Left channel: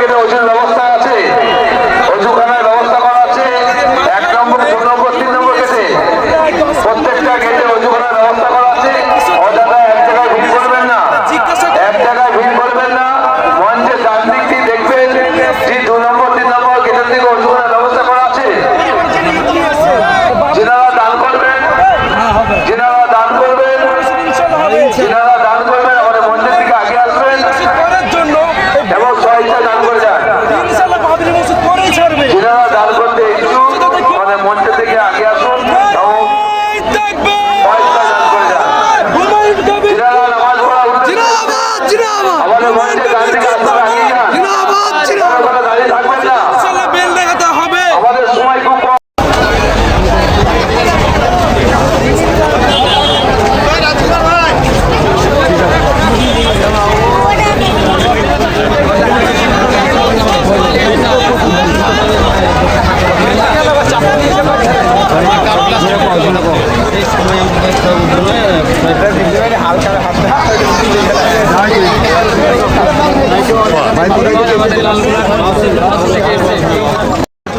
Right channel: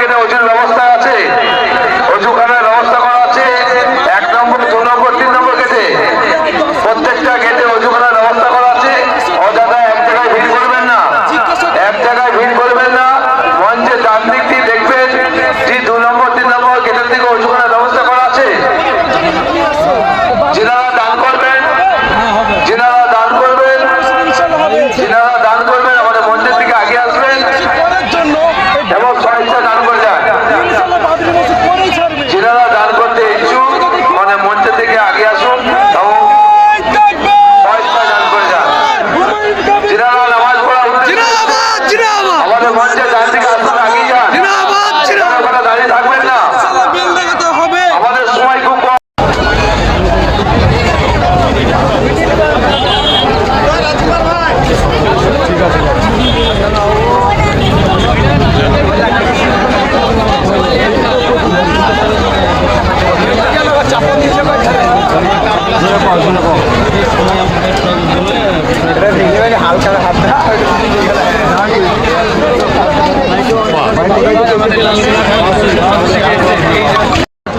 গেটে অজুর ব্যবস্থা আছে, অজুখানার ব্যবস্থা করা আছে। 1 নম্বর, 2 নম্বর, 3 নম্বর গেটে প্রত্যেকটা গেটে অজুখানার ব্যবস্থা করা আছে। অযথা এক জায়গায় ভিড় করবেন না, এক জায়গায় ভিড় করবেন না। মঞ্চের ডান দিকটি দেখবেন যে 2 নম্বর, 3 নম্বর গেটের দিকে অজুখানার ব্যবস্থা করা আছে। যেনারা দান করবেন, যেনারা দান করবেন, যেনারা দান করবেন আমাদের মঞ্চের দিকে আগে আসবেন এবং স্বেচ্ছা দান করে যান। যেনারা দান করতে ইচ্ছুক মানে মঞ্চের দিকে আগে আসুন এবং স্বেচ্ছা দান করে যান। যেনারা নামাজ পড়া আমাদের মঞ্চের ডান দিকে আসুন, আগে যান, দাঁড়িয়ে থাকবেন না, আমাদের সময় খুব কম।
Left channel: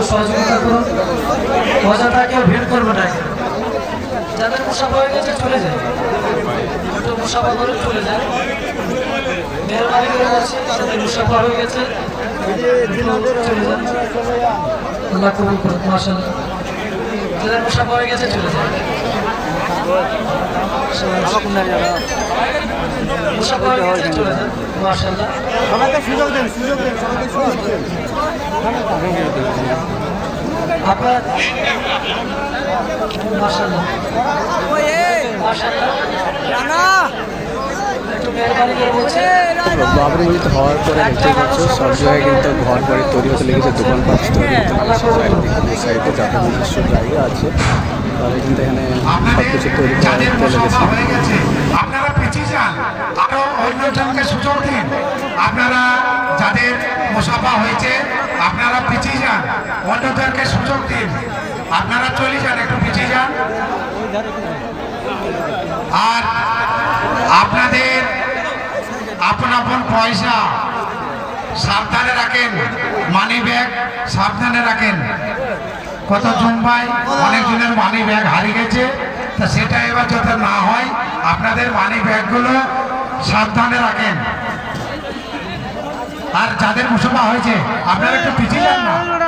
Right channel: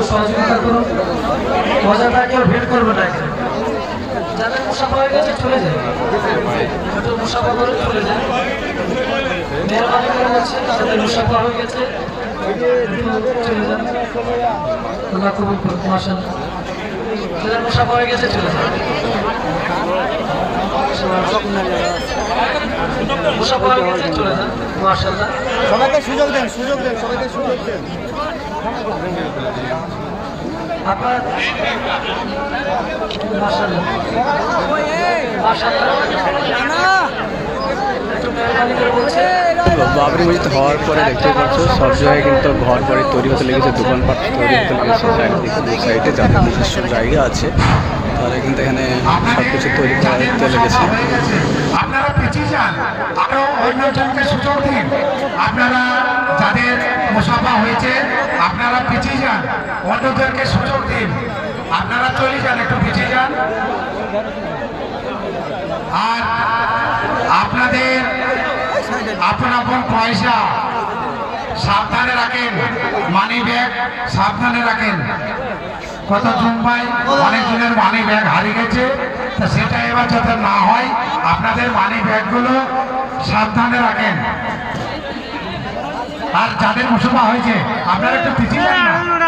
সহযোগিতা করুন, অযথা কেউ ভিড় করবে না। যাদের মুসাফা হয়ে গেছে চলে যায়, একটু মুসাফা করে চলে যায়। মেহরবানি করে বলছি, যাদের মুসাফা হয়ে গেছে চলে যায়। আল্লাহ কবুল করুন, মাশাআল্লাহ। যাদের মুসাফা হয়ে গেছে চলে যায়, মুসাফা হয়ে গেছে চলে যান, মাশাআল্লাহ। সবাইকে সুযোগ দেন, সুযোগ দেন, সবাইকে সুযোগ দেন। আপনার মাশাআল্লাহ, মাশাআল্লাহ। একটু মেহরবানি করে বলছি, বাবরি মসজিদ হওয়ার পরে দেখতে পাচ্ছ সব জায়গায় কিন্তু ঘর বাড়ি তৈরি হতে লেগেছে, দোকানপাট তৈরি হতে লেগেছে। চারিদিকে দু সাইডে যাদের নিজস্ব জায়গা আছে তারা কিন্তু এখানে সব কিছু তৈরি করতে লেগেছে। আপনারা পিছিয়ে যান, আরো অন্যজনকে সুযোগ দিন। আপনারা যাদের মুসাফা হয়েছে আপনারা পিছিয়ে যান, অন্যদেরকে সুযোগ দিন। আপনারা চলে যান, একটু পিছিয়ে যান। আর আপনাদের আপন আপন পয়সা সাবধানে রাখেন, মানি ব্যাগ সাবধানে রাখেন। কতজন ভাই অনেকজনের মানি ব্যাগ হারিয়ে গেছে, তো সেটা এবার যাতে না হয় আপনাদের মানি ব্যাগগুলো সাবধানে রাখেন। আর যাদের মুসাফা হয়েছে আপনারা একটু পিছিয়ে যান না।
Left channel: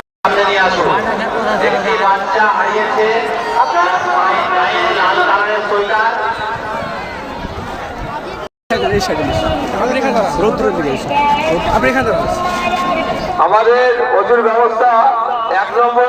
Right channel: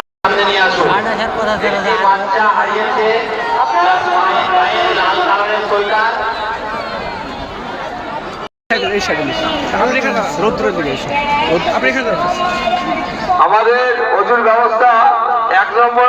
একটি বাচ্চা হারিয়েছে, আমাদের অজুর ব্যবস্থা 1 নম্বর